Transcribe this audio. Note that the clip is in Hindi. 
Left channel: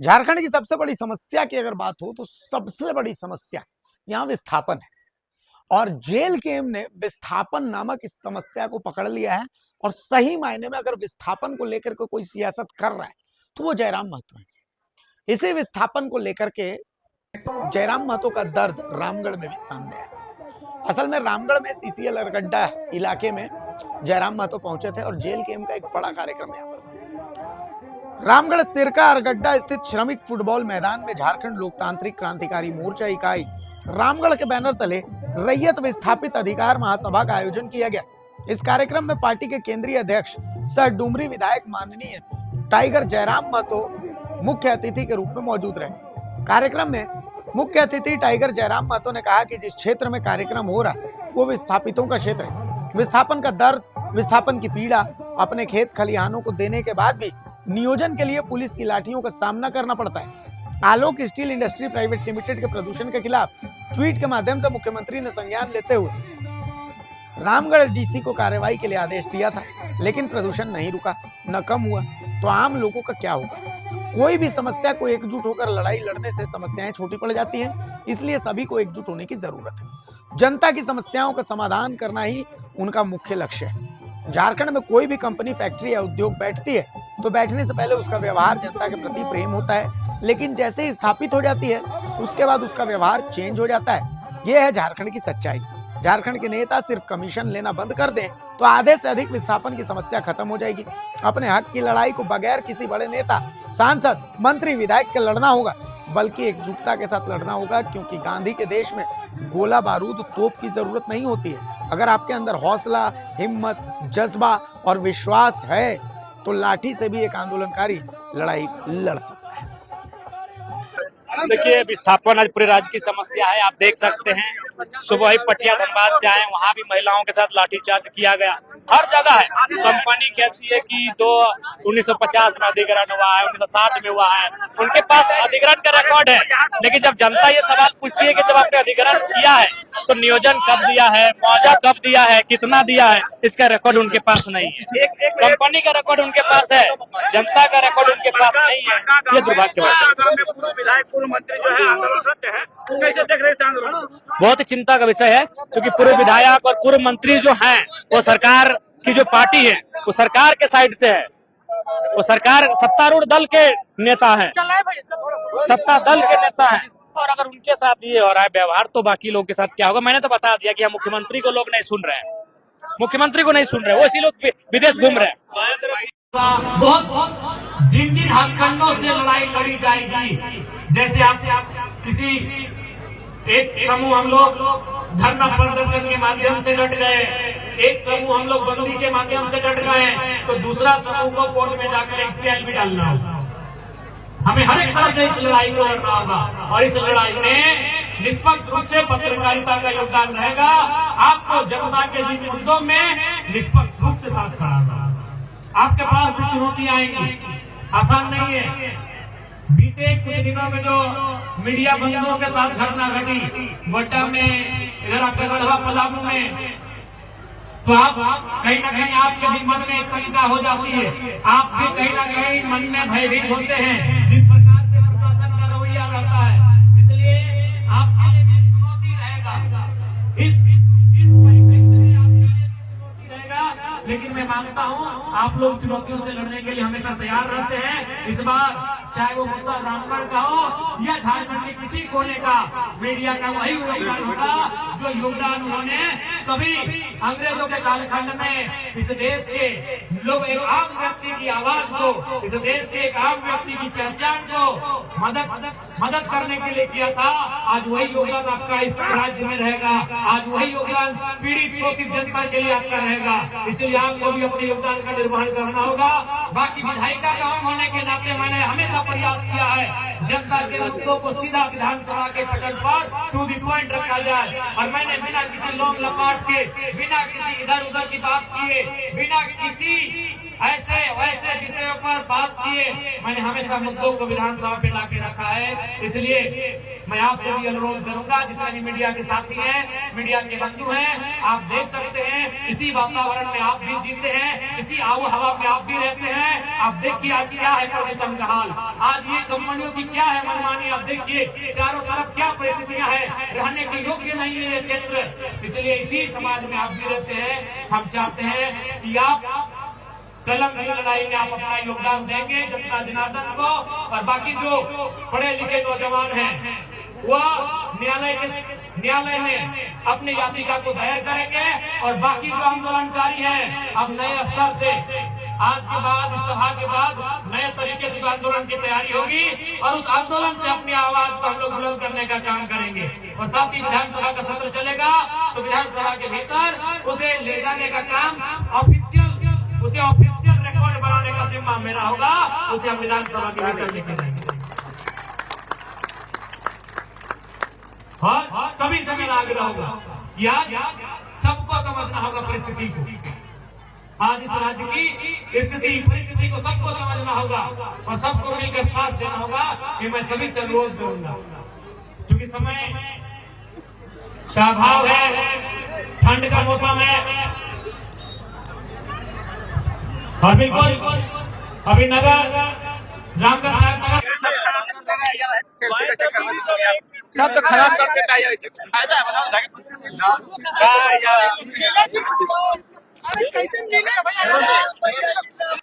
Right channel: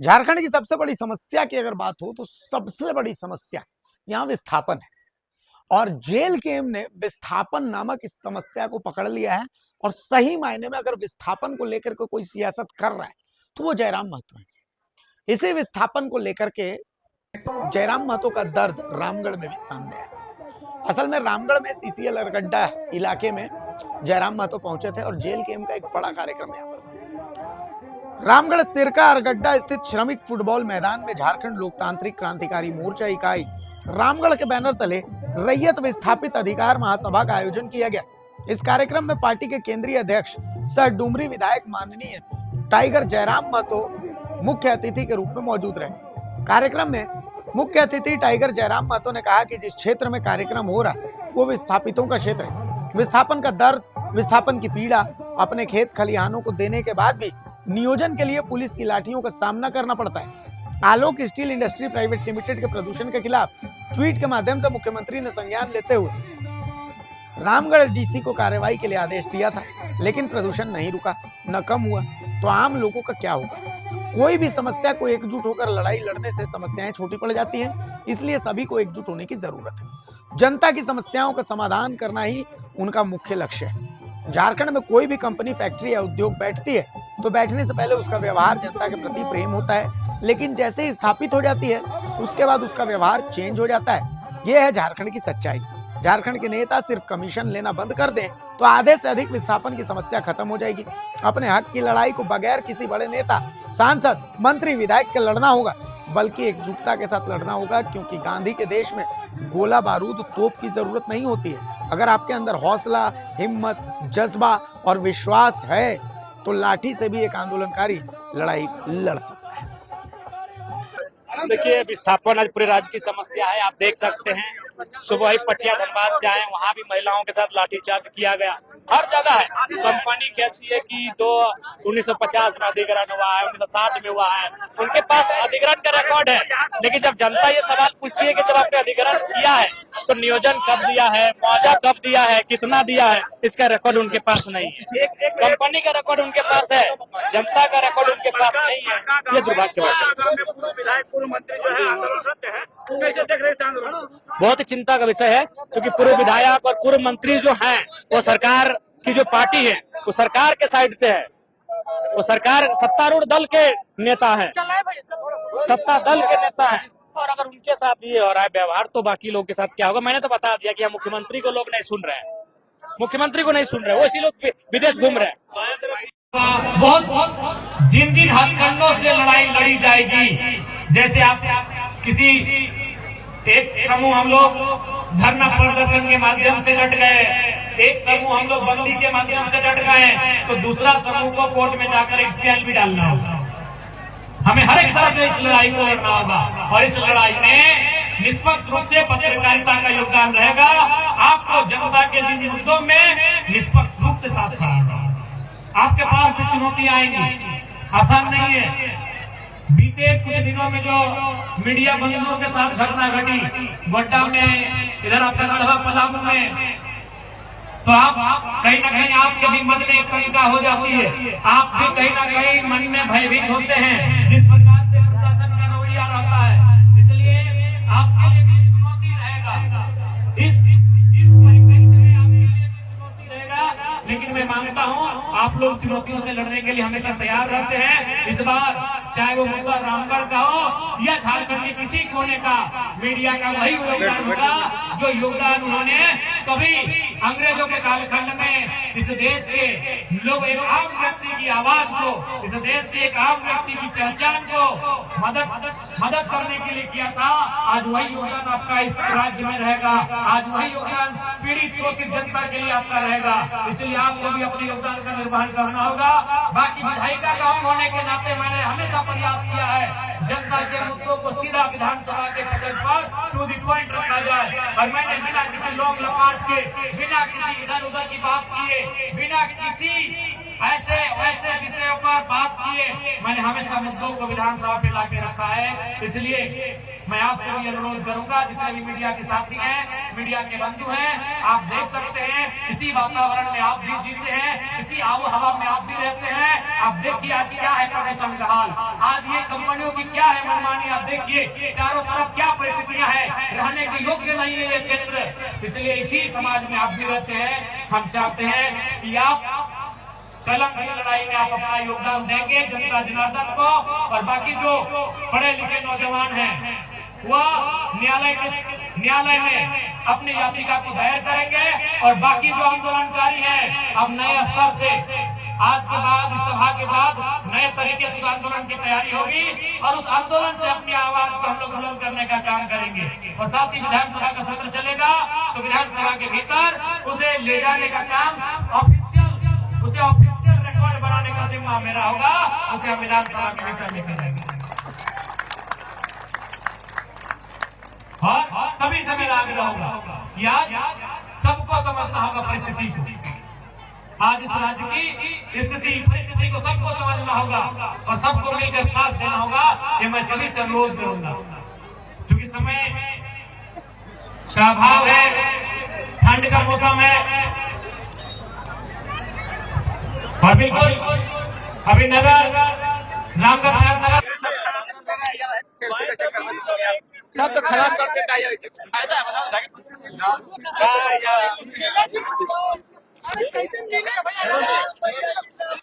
झारखंड की सबसे बड़ी समस्या की अगर बात हो तो सबसे बड़ी समस्या यहां विस्थापन है। और जेल गेम ने विस्थापन नामक इस समस्या को पकड़ लिया है। और सही मायने में अगर विस्थापन को लेकर के कोई सियासत कर रहा है तो वो जयराम महतो है। इसी विस्थापन को लेकर के जयराम महतो का दर्द रामगढ़ में भी सामने है। असल में रामगढ़ में सीसीएल अरगड्डा इलाके में जयराम महतो पहुंचे थे और जेल गेम का एक बड़ा कार्यक्रम यहाँ पर। रामगढ़ सिरका अरगड्डा स्थित श्रमिक फुटबॉल मैदान में झारखंड लोकतांत्रिक क्रांतिकारी मोर्चा इकाई रामगढ़ के बैनर तले रैयत विस्थापित अधिकार महासभा का आयोजन किया गया। इस कार्यक्रम में पार्टी के केंद्रीय अध्यक्ष सह डुमरी विधायक माननीय टाइगर जयराम महतो मुख्य अतिथि के रूप में मौजूद रहे। कार्यक्रम में मुख्य अतिथि टाइगर जयराम महतो ने कहा कि जिस क्षेत्र में कार्यक्रम हो रहा है वो विस्थापितों का क्षेत्र है। विस्थापन का दर्द, विस्थापन की पीड़ा, अपने खेत खलिहानों को देने के बाद भी नियोजन के लिए पुलिस की लाठियों का सामना करना पड़ता है। आलोक स्टील इंडस्ट्री प्राइवेट लिमिटेड के प्रदूषण के खिलाफ ट्वीट के माध्यम से मुख्यमंत्री ने संज्ञान लेते हुए रामगढ़ डीसी को कार्रवाई के लिए आदेश दिया था, लेकिन प्रदूषण नहीं रुका, न कम हुआ। तो आम लोगों का क्या होगा? कोई भी समस्या को एकजुट होकर लड़ाई लड़ने से समस्याएं छोटी पड़ जाती हैं, इसलिए सभी को एकजुट होने की जरूरत है। जनता की समस्याओं का समाधान करना ही उनका मुख्य लक्ष्य है। झारखंड में कोई भी कंपनी, फैक्ट्री या उद्योग बैठती है तो बैठने से पहले उसका व्यवहार जनता के प्रति प्रेम होता है, लेकिन जैसे ही स्थापित हो जाती है उसके बाद उसका व्यवहार चेंज हो जाता है। यह है झारखंड की सच्चाई। झारखंड के नेता सिर्फ कमीशन लेना बंद कर दें तो आधे से अधिक विस्थापन की समस्या खत्म हो जाएगी। अपने हक की लड़ाई को बगैर किसी बड़े नेता, सांसद, मंत्री, विधायक के लड़ना होगा, बल्कि एकजुटता के साथ लड़ना होगा, क्योंकि गांधी के देश में गोला बारूद, तोप की जरूरत नहीं होती है। अगर आपके अंदर हौसला, हिम्मत, जज्बा और विश्वास है तो लाठी से भी एक आंदोलनकारी लड़ाई लड़ सकता है। देखिए, विस्थापन आज पूरे राज्य की समस्या है। आप देख सकते हैं, सुबह ही पटिया धनबाद से आए, वहाँ भी महिलाओं के साथ लाठीचार्ज किया गया। हर जगह है। कंपनी कहती है कि 1950 में अधिग्रहण हुआ है, 1960 में हुआ है, उनके पास अधिग्रहण का रिकॉर्ड है। लेकिन जब जनता ये सवाल पूछती है कि जब आपने अधिग्रहण किया है तो नियोजन कब दिया है, मुआवजा कब दिया है, कितना दिया है, इसका रिकॉर्ड उनके पास नहीं है। कंपनी का रिकॉर्ड उनके पास है, जनता का रिकॉर्ड उनके पास नहीं है। ये दुर्भाग्य बहुत ही चिंता का विषय है, क्योंकि पूर्व विधायक और पूर्व मंत्री जो हैं वो सरकार की जो पार्टी है वो सरकार के साइड से है, वो सरकार सत्तारूढ़ दल के नेता हैं, सत्ता दल के नेता हैं। और अगर उनके साथ ये हो रहा है व्यवहार तो बाकी लोगों के साथ क्या होगा? मैंने तो बता दिया कि हम मुख्यमंत्री को लोग नहीं सुन रहे हैं, मुख्यमंत्री को नहीं सुन रहे, वो इसी लोग विदेश घूम रहे हैं। बहुत जिन जिन हथकंडों से लड़ाई लड़ी जाएगी, जैसे आप किसी एक समूह हम लोग धरना प्रदर्शन के माध्यम से डट गए, एक समूह हम लोग बंदी के माध्यम से डट गए, तो दूसरा समूह को कोर्ट में जाकर एक पीएल भी डालना होगा। हमें हर एक तरह से इस लड़ाई को लड़ना होगा और इस लड़ाई में निष्पक्ष रूप से पत्रकारिता का योगदान रहेगा। आपको जनता के जिन मुद्दों में निष्पक्ष रूप से साथ खड़ा, आपके पास भी चुनौतियां आएंगी, आसान नहीं है। बीते कुछ दिनों में जो मीडिया बंधुओं के साथ घटना घटी गोड्डा में, इधर आपका गढ़वा पलामू में, तो आप कहीं ना कहीं आपके भी मन में एक शंका हो जाती है, आप भी कहीं ना कहीं मन में भयभीत होते हैं जिस प्रकार से प्रशासन का रवैया रहता है। इसलिए आपके लिए भी चुनौती रहेगा, इस परिप्रेक्ष्य में आपके लिए भी चुनौती रहेगा। लेकिन मैं मानता हूँ आप लोग चुनौतियों से लड़ने के लिए हमेशा तैयार रहते हैं। इस बार चाहे वो मुद्दा रामगढ़ का हो या झारखंड के किसी कोने का, मीडिया का वही योगदान होगा जो योगदान उन्होंने कभी अंग्रेजों के कालखंड में इस देश के लोग, एक आम व्यक्ति की आवाज को, इस देश के एक आम व्यक्ति की पहचान को मदद करने के लिए किया था। आज वही योगदान आपका इस राज्य में रहेगा, आज वही योगदान पीड़ित शोषित जनता के लिए आपका रहेगा। इसलिए आपको भी अपने योगदान का निर्वहन करना होगा। बाकी विधायिका का होने के नाते मैंने हमेशा प्रयास किया है जनता के मुद्दों को सीधा विधानसभा के पटल पर टू द पॉइंट रखा जाए, और मैंने बिना किसी लोग लपाट के, बिना किसी इधर उधर की बात किए, बिना किसी ऐसे वैसे विषयों पर बात किए। मैंने हमेशा मुद्दों को विधानसभा पे लाके रखा है। इसलिए मैं आपसे भी अनुरोध करूंगा, जितने भी मीडिया के साथी हैं, मीडिया के बंधु हैं, आप देख सकते हैं इसी वातावरण में आप भी जीते हैं, इसी आबो हवा में आप भी रहते हैं। आप देखिए आज क्या है प्रदूषण का हाल, आज ये कंपनियों की क्या है मनमानी। आप देखिए चारों तरफ क्या परिस्थितियां है, रहने के योग्य नहीं है ये क्षेत्र। इसलिए इसी समाज में आप भी रहते हैं। हम चाहते हैं कि आप कलम की लड़ाई में आप अपना योगदान देंगे जनता जनार्दन को। और बाकी जो पढ़े लिखे नौजवान हैं वह न्यायालय में अपनी याचिका को दायर करेंगे। और बाकी जो आंदोलनकारी हैं अब नए स्तर से आज के बाद, इस सभा के बाद नए तरीके से आंदोलन की तैयारी होगी और उस आंदोलन से अपनी आवाज को हम लोग बुलंद करने का काम करेंगे। और साथ ही विधानसभा का सत्र चलेगा तो विधानसभा के भीतर उसे ले जाने का काम ऑफिशियल रिकॉर्ड बनाने का जिम्मा मेरा होगा। उसे हम विधानसभा के भीतर लेके जाएंगे। हाँ, सभी से मेरा आग्रह होगा कि आज सबको समझना होगा परिस्थिति को। आज इस राज्य की स्थिति परिस्थिति को सबको समझना होगा और सबको मिलकर साथ देना होगा। ये मैं सभी से अनुरोध करूंगा, क्योंकि समय का अभाव है, ठंड का मौसम है। अभी नगर रामगढ़ शहर नगर सब तो खराब कर देता है, ऐसे फायदा है बताओ।